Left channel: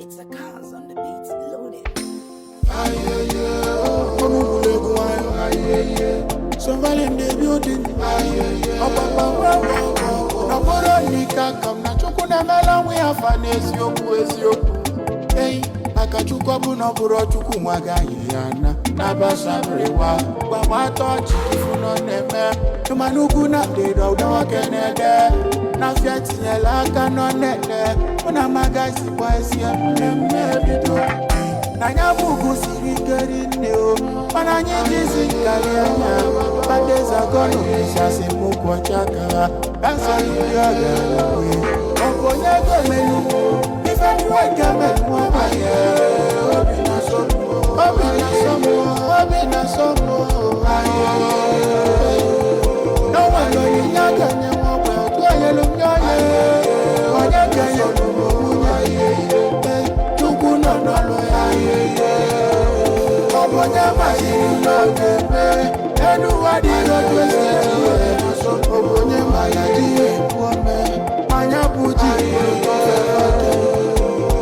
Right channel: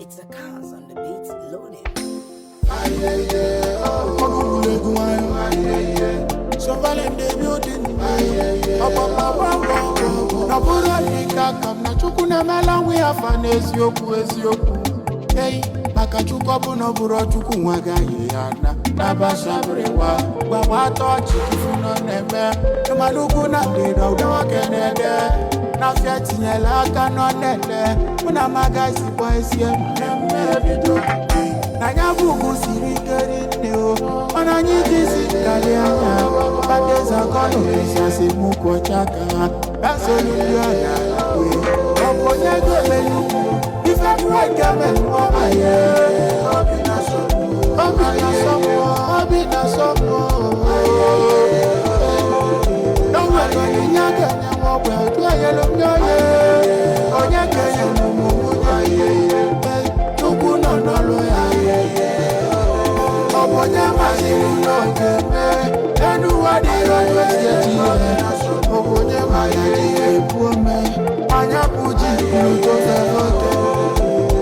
It's a cars on the beats loaded. Surveilling the building. Naporanika come na chukuna mela we have an ezioku. Hey, Makachukobu no buro chuku wagayana. Nabasabrewa, Wawato chikifuno neme. Manuku na de do kenede. Na fiat nyela kanonede. Una magasi poesia neme bido. Na nyabugu siri neo. Mana nyitisi kalianya. Badeza kono isasi muko chaka. Kansolu diagala we. Obonyego melu. Ife wake melu wapaye. Obina somo. No one no nyaga nyawa kwa tuayelo mnyoye. Onyake yelo mumunye. Tukuno no loya. Obonya masinu no geme. Enu wadiro twesiye. Obonye mayaji epuome. Manya puji kuluto fevote.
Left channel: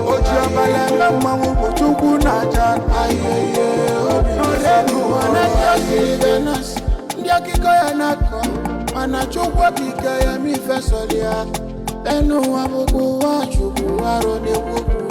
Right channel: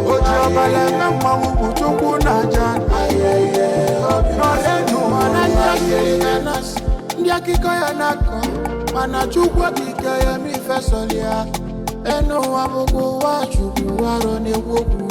Oji obaleme mwangu chuku na jana. No renu ananya silivenas. Ndia kikoya nako. Mana chukwa kikeya mi fesolia. Enu wabuku wa chuku waro ne woku.